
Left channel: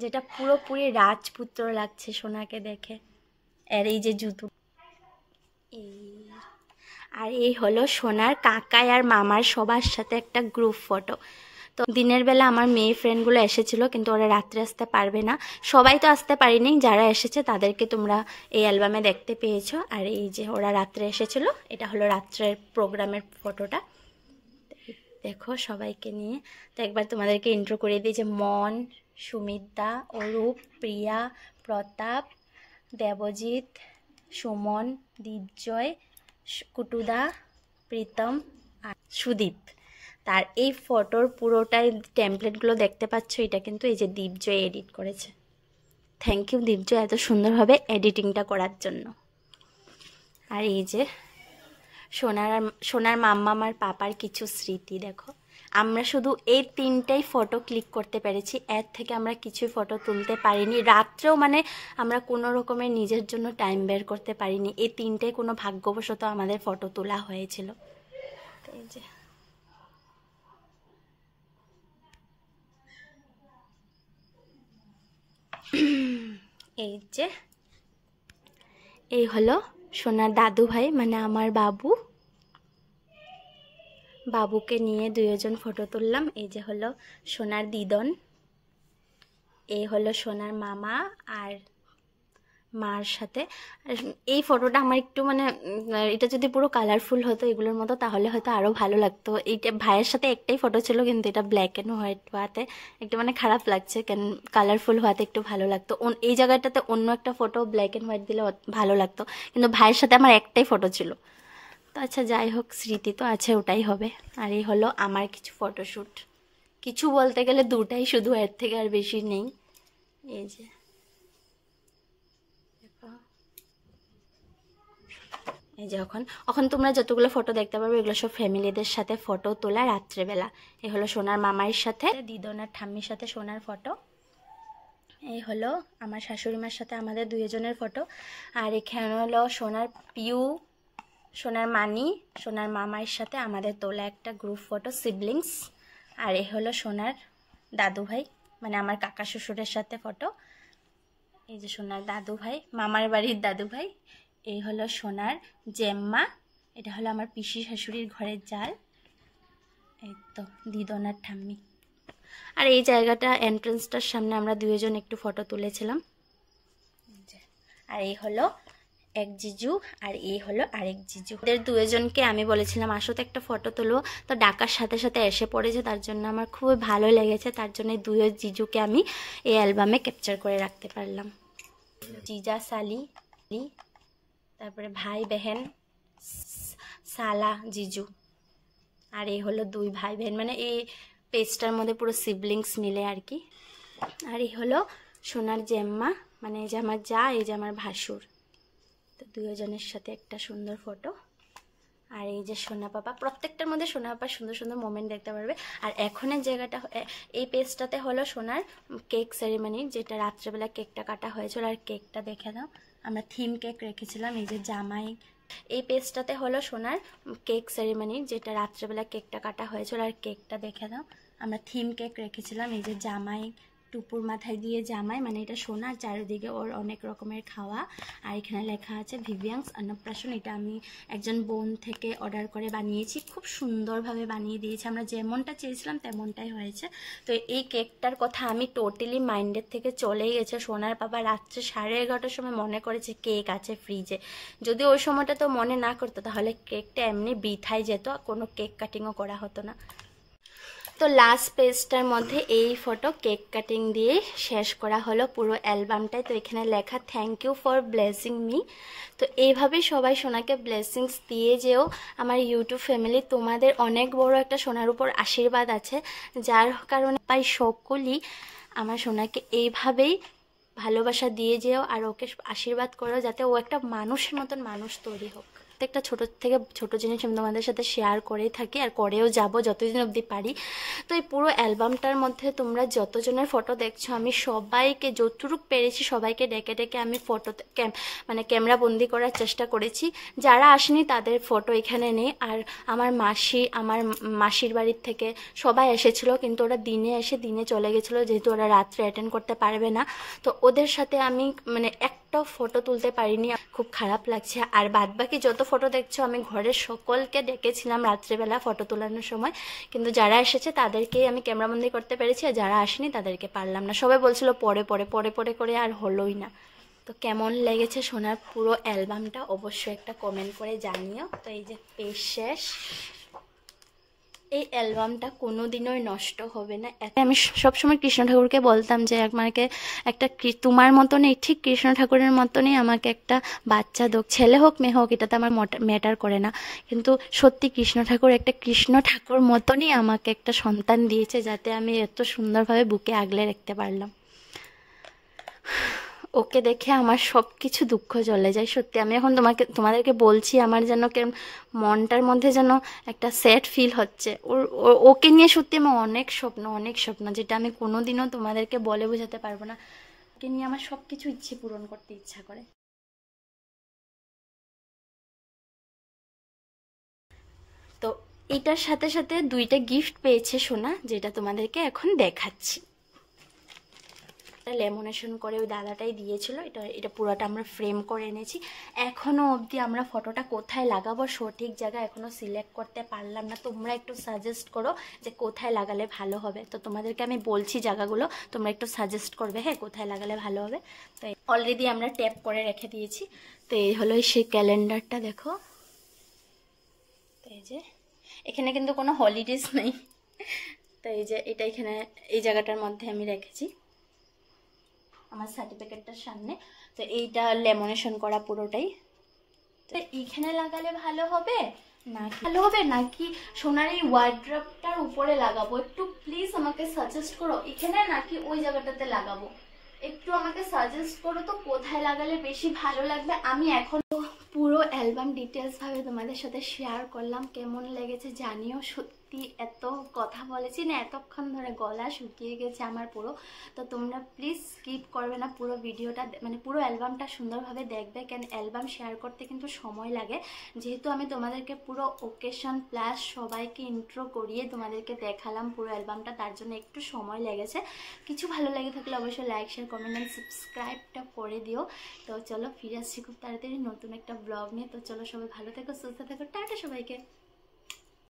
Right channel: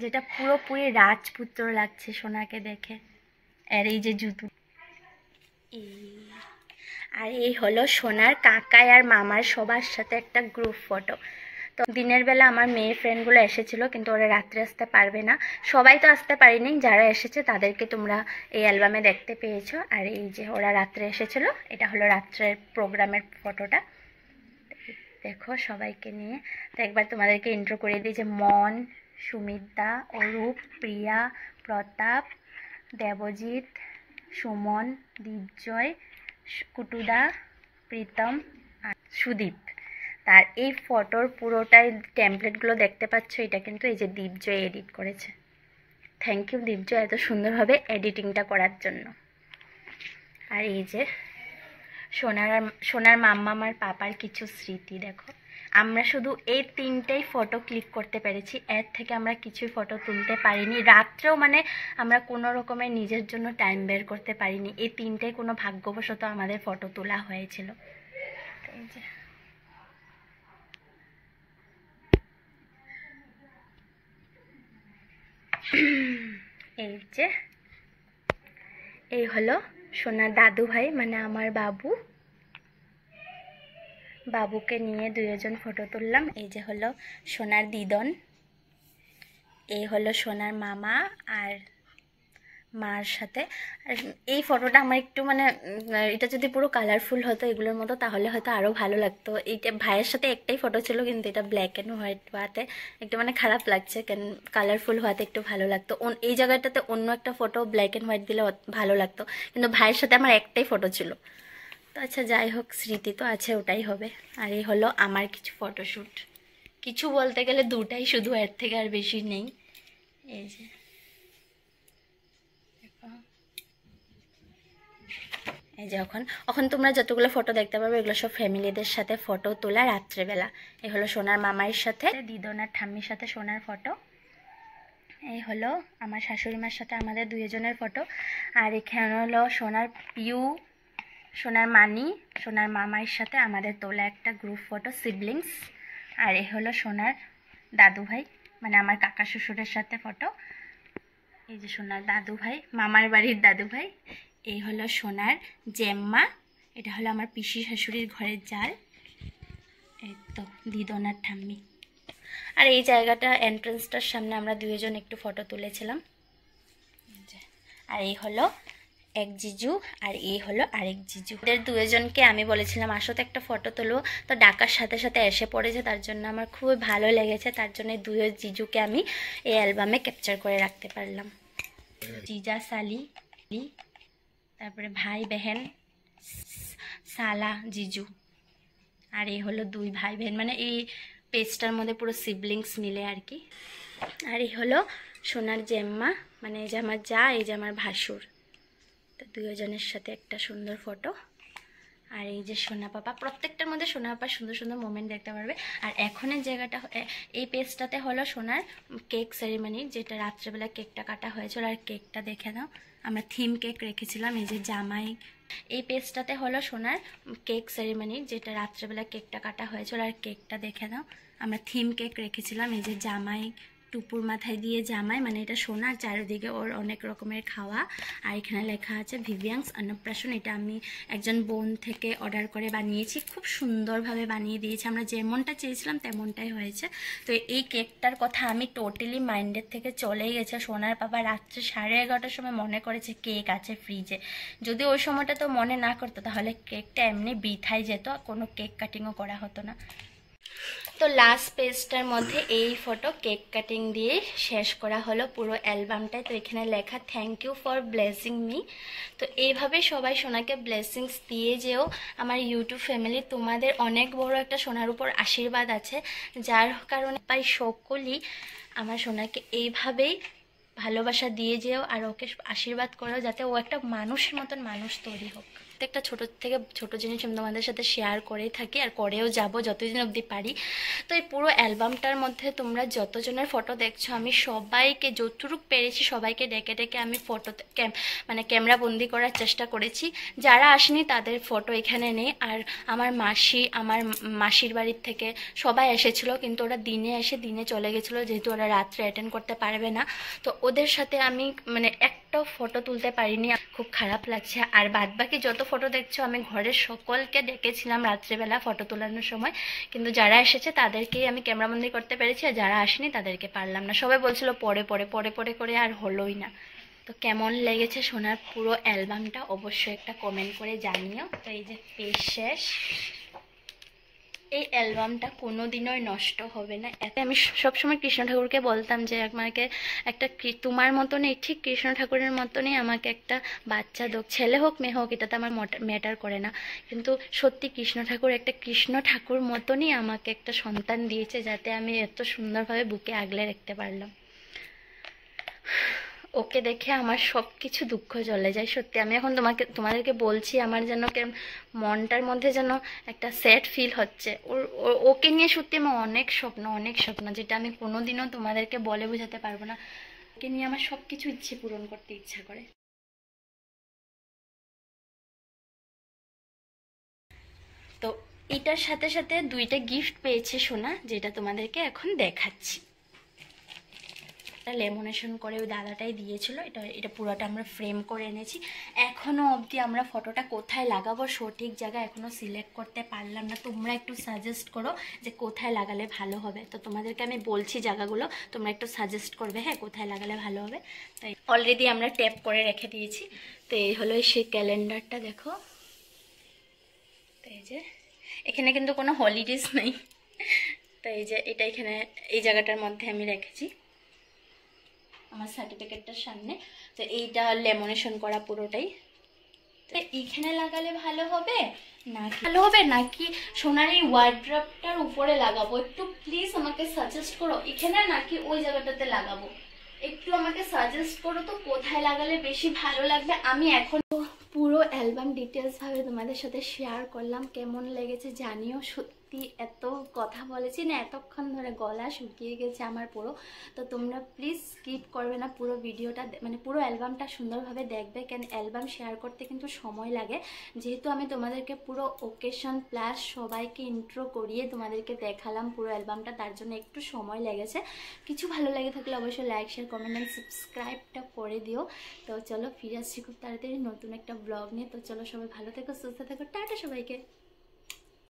যেটা পুরোপুরি রাজপুত্র লাগছে সোনাকে দেখে। আর এই যে জুতো, আর এই হলো সোনার কাকাই আর মামার সবার সাথে একটা গ্রুপ ফটো। তো দিনের বেলা আমার মেয়ে ফ্রেন্ডগুলো এসেছিল, কিন্তু ওরা রাত্রে আসতে পারবে না। সবাই তো আসতে পারিনি, যারা এসেছে তাদেরকে তোমরা এই অ্যালবামে দেখতে পেয়েছো। আর এই যে ওরা রাত্রে এসেছিল, এটা হলো রাত্রের প্রোগ্রামের ফটোটা, দেখো সবাইকে নিয়ে। তো একবার তোমাদেরকে ইন্ট্রো করে দিই যে মন, সুমিতা, অরূপ, প্রিয়া, প্রতাপ, দেবজিৎ, সুমন, দীপজয়, কুটুদা, প্রীতম আর সুদীপ। তার এই ফটোর পুরোটাই টেমপ্লেটগুলো দেখতে পাচ্ছ, এটা কিন্তু এই যে দীপজয় এডিট করেছে। থ্যাংক ইউ দীপজয় এত সুন্দরভাবে এডিটিংটা করার জন্য। আর এই যে সোনার মাম্মা আমার পাপার কিছু স্মৃতি, দেখো। আমরা শুধু এই 3টাই ফটো ক্লিক করতে পেরেছি, এর থেকে আমরা কিছুই ফটো তুলতে পারিনি। রাত্রেও মানে আমরা কোনো রকমের নিজের জন্য টাইম বের করতে পারিনি। এই 3টাই কোনো ভাগ্যবশত আমাদের ফটো তোলা হয়েছিল। এই যে এই হলো সোনার দাদু ভাই, মানে আমার বাবুকে নিয়ে দুজন ফটো তুললাম। এই যে হলো সোনার দিদন, এই হলো সোনার মামা আর মার সাথে। এই ফটোটা আমার একটু মানে এটা যদি পুরো কালারফুল হতো এগুলোর মতো, তাহলে হয়তো আরও ভালো লাগতো। এইটা ভাইয়ের সাথে একটাই ফটো ছিল, কিন্তু এটা ব্ল্যাক অ্যান্ড হোয়াইট হওয়াতে একটু মানে খারাপ লাগছে, কেন কালারফুল হওয়াতে একটু ভালো লাগতো। এই জায়গাটাতে অন্য একটা ফটো ব্ল্যাক অ্যান্ড হোয়াইট দিলে ভালো লাগতো, কিন্তু ভাইয়ের সাথে আমার একটাই ফটো ছিল। তো আচ্ছা যাই হোক, স্মৃতি তো আছে, ওটাই হবে। আর এই হলো আমার কিছু ফটোশ্যুট, কিছু বলতে গেলে 2টাই শুধু, এর থেকে আর বেশি নেই। এই যে এই যে এখন তোমরা যতগুলো ফটো দেখতে পারবে এগুলো সব ফ্যামিলিদের সাথে ফটো তোলা রাত্রেবেলা। এই হলো সোনার মামার সাথে, দিদনার ঠাম্মির সাথে সোনার ফটো। এই হলো আমার শাশুড়ি মার সাথে আমাদের দুজনের ফটো। আর এখানে হলো সোনার পিউ, সোনার মানি, সোনার মামার সাথে আমাদের তোলা একটা গ্রুপ ফটো, সিবলিংস। আর এই হলো সোনার দাদু ভাই, মানে আমার কাকা শ্বশুরের সাথে ফটো। এই যে সোনার দাদু ভাই, মামার বাড়ির দাদু ভাই। এই হলো সোনার জেম্মা, এটা হলো আমার পিসি শাশুড়ির ঘরের জাল। এই তো দিদনার ঠাম্মি। আর এই জায়গাটা এন্ট্রান্সটার সামনে আমরা দুজন একটু ফটো তুলেছিলাম। আর এই হলো এক জিজু, আর এই হলো আরেক জিজু। এদের দুজনকে আমি বলেছিলাম আসো তো একটা ফটো তুলো, তো ডাকার সাথে সাথে এসে পড়েছে, তার জন্য আমার খুবই ভালো লেগেছে। তার জন্য দুই জিজুকে আমি এই অ্যালবামে ক্যাপচার করে রাখতে পারলাম। জিজা সালি, তারপরে ভাই বেহেন, সালা জিজু। আর এই হলো 2 ভাই বেহেন, মানে এই পেজটার মধ্যে পুরো সিবলিংস মিলে আর কি। আর এই হলো সোনার জেম্মা, মানে এই যে আমার যা, এই যে আমার ভাসুর। তো দুজনের সাথে একটা সুন্দর ফটো। আর এই যে সোনা পাপা, প্রত্যেকটার মধ্যে সোনা পাপার সুন্দর সুন্দর মোমেন্ট দেখতে পারবে। আর এখনের জায়গাটা, এই পেজটাতে হলো সোনার কেক সেরিমনি, যেটা রাত্রেবেলা কেকটা কাটা হয়েছিল। আর কেকটা দেখে দাও, আমরা থিম কেক রেখেছিলাম, এই যে জামাই। এই পেজটাতে হলো সোনার কেক সেরিমনি, যেটা রাত্রেবেলা কেকটা কাটা হয়েছিল। আর কেকটা দেখে দাও, আমরা থিম কেক রেখেছিলাম, এই যে জামাই, টুপুর মাথায় দিয়ে জামাই, মানে এটা সোনার, চারিদিকে ওর অনেক রকমের খাওয়া। আর এখানে লেখা আছে ভিভিয়াংস অন্নপ্রাশন। এটা আমি একজন বোন থেকে অর্ডার করে বানিয়েছি, খুব সুন্দরভাবে বানিয়ে দিয়েছি, আমরা যেমনটা চেয়েছিলাম তেমনটাই হয়েছে। তো এই কেকটার কথা আমি টোটালি মাইন্ডের থেকে চলেই গেছে। সোনার বাবা রাত্রে 11:30টার সময় মনে করেছে কেক আছে ফ্রিজে, যদি ওই সময়টা তো মনে না করতো তাহলে কেকটা এমনি বৃথাই যেত, কোনো কেক কাটিংও করা হতো না। তো লাস্ট পেজটার মধ্যে এই ফটো কেক কাটিং দিয়ে শেষ করা হলো পুরো অ্যালবামটাই। তো এখানে লেখা thank you for blessing me. তো এইভাবেই সবাই সোনাকে ব্লেসিংস দিয়ে যেও। আমার ইউটিউব ফ্যামিলি, তোমাদের অনেক বড় একটা সোনার উপর আশীর্বাদ আছে, যার কারণে পাই সকলেই আমার সোনাকে এইভাবেই ভালোবাসা দিয়ে যেও, আর ওকে আশীর্বাদ করো যাতে ও একটা মানুষের মতন মানুষ তৈরি হোক। একটা ছোট থেকে ছোট জিনিস আমি তোমাদের সাথে শেয়ার করেই থাকি আর করেও যাব যতদিন অবধি পারি। তো এই পুরো অ্যালবামটার মধ্যে তোমরা যতজনের ফটো দেখছো, আমি সবাইকে যতটুকু পেরেছি সবাইকে ডেকে ডেকে আমি ফটো মানে ক্যামেরা বন্দি করার চেষ্টা করেছি। যারা আসেনি তাদের ফটো এখানে নেই। আর আমার মাসির বাড়ির থেকে সবাই এসেছিল, কিন্তু ওরা দিনে এসে দিনে চলে গেছিলো, যেহেতু ওরা রাত্রে অ্যাটেন্ড করতে পারবে না। তো ওদের সাথে আমি মানে একটাও ফটো তুলতে পারিনি, খুব খারাপ লাগছে। আর বাদবাকি যত ফটো দেখছো আমি ঘরের সকলকে ডেকেছিলাম রাত্রেবেলা ফটো তোলানোর সময়, কিন্তু যারা এসেছে তাদেরকেই আমি ক্যামেরাবন্দি করতে পেরেছি, আর যারা আসেনি তাদেরকে পারলাম না। সবাই বলছিল পরে পরে পরে পরে করে, আর হলোই না। তো কেমন লেগেছে সোনার পুরো অ্যালবামটা অবশ্যই একটা কমেন্ট করে জানিও। তো এই যে পেজ শেষ, এই অ্যালবামটা কোনোদিনই নষ্ট হবে না। আমি সবসময় কৃষ্ণ ঠাকুরকে বলতাম যে আমাকে একটা তোমার মতনই, ঠিক কৃষ্ণ ঠাকুরের মতনই আমাকে একটা বাচ্চা দোক, ছেলে হোক মেয়ে হোক এটাতে আমার ম্যাটার করে না, কিন্তু সত্যি কৃষ্ণ ঠাকুর একটা কৃষ্ণ ঠাকুর মতনই আমাকে একটা সন্তান দিয়েছে, যাতে আমি এত সুন্দরভাবে বুকে আগলে রাখতে পারলাম। ওকে দেখে আমার সব কিছু দুঃখ চলে যায়। সত্যি আমি এখন তোমাদেরকে বলছি, আমার যেন মনটার মধ্যে যেন একটা স্যাড ফিল হচ্ছে। ওকে নিয়ে সত্যি আমার অনেক স্বপ্ন, যেটা আমি কোনোদিনও তোমাদেরকে বলে বোঝাতে পারবো না। ওকে নিয়ে আমার সব কিছু ইচ্ছে পূরণ করতে ইচ্ছা করে। তো এটার সাথে সাথে 2টা গিফট পেয়েছে সোনা, যেটা তোমাদেরকে এখন দেখাচ্ছি। লেমিনেশন করে ওই দাদাটাই দিয়েছিল, এটা পুরোটা আমরা ফ্রেম করে এনেছি। এখনো অবধি আমরা ফটোটা কোথায় লাগাবো সঠিক জায়গা এখনো সিলেক্ট করতে পারলাম না। তোমরা একটু সাজেস্ট করো যে কোথায় লাগালে ভালো হবে। তো তোমাদেরকে আমি বলছি জায়গাগুলো, তোমরা একটু সাজেস্ট করবে, হ্যাঁ, কোথায় লাগালে ভালো হবে। তো অলরেডি আমরা ট্যাপ করে রেখে দিয়েছি। তো এই হলো সেই ক্যালেন্ডারটা, দেখো। তো এই যে এখানে কিন্তু কোনো হলিডেজ নেই। তো এই যে এটা এখানে এই জায়গাটার মধ্যে আমি রেখেছি আমার সার্টিফিকেটটার সামনে। তো এইটা লেমিনেশন করা পুরোটাই। তো এইখানে লাগালে ভালো হবে নাকি সোনার এই ওয়ার্ড্রপটার উপরে লাগাবো? একটু প্লিজ আমাকে সাজেস্ট করো, এখানে নাকি ওই জায়গাটাতে লাগাবো? একটু আমাকে সাজেস্ট করো তো কোথায় লাগালে বেশি ভালো লাগবে। আমি এখন পুরো অ্যালবাম ডিটেলস ভাবে তোমাদের সাথে শেয়ার করলাম, কেমন লেগেছে জানিও। সত্যি এত কথা বলেছি না, এতক্ষণ ধরে গলা শুকিয়ে গেছে আমার পুরো। তো তোমরা প্লিজ স্কিপ করবে না, পুরো ভিডিওটা মানে পুরো অ্যালবামটা সুন্দরভাবে দেখবে, কেন অ্যালবাম শেয়ার করতে কিন্তু সময় লাগে। যেহেতু আমি তোমাদেরকে পুরো ওকেশন প্লাস সবাইকে ইন্ট্রো করিয়ে তোমাদেরকে দেখালাম পুরো অ্যালবামটা, তার জন্য একটু সময় লেগেছে। কিছু ভালো লেগে থাকলে অবশ্যই লাইক শেয়ার কমেন্ট অ্যান্ড সাবস্ক্রাইবটা করে দিও। তো চলো ফিরে আসছি খুব তাড়াতাড়ি নতুন একটা ব্লগ নিয়ে। তো চলো সবাই ভালো থেকো, সুস্থ থেকো, টাটা সবাইকে।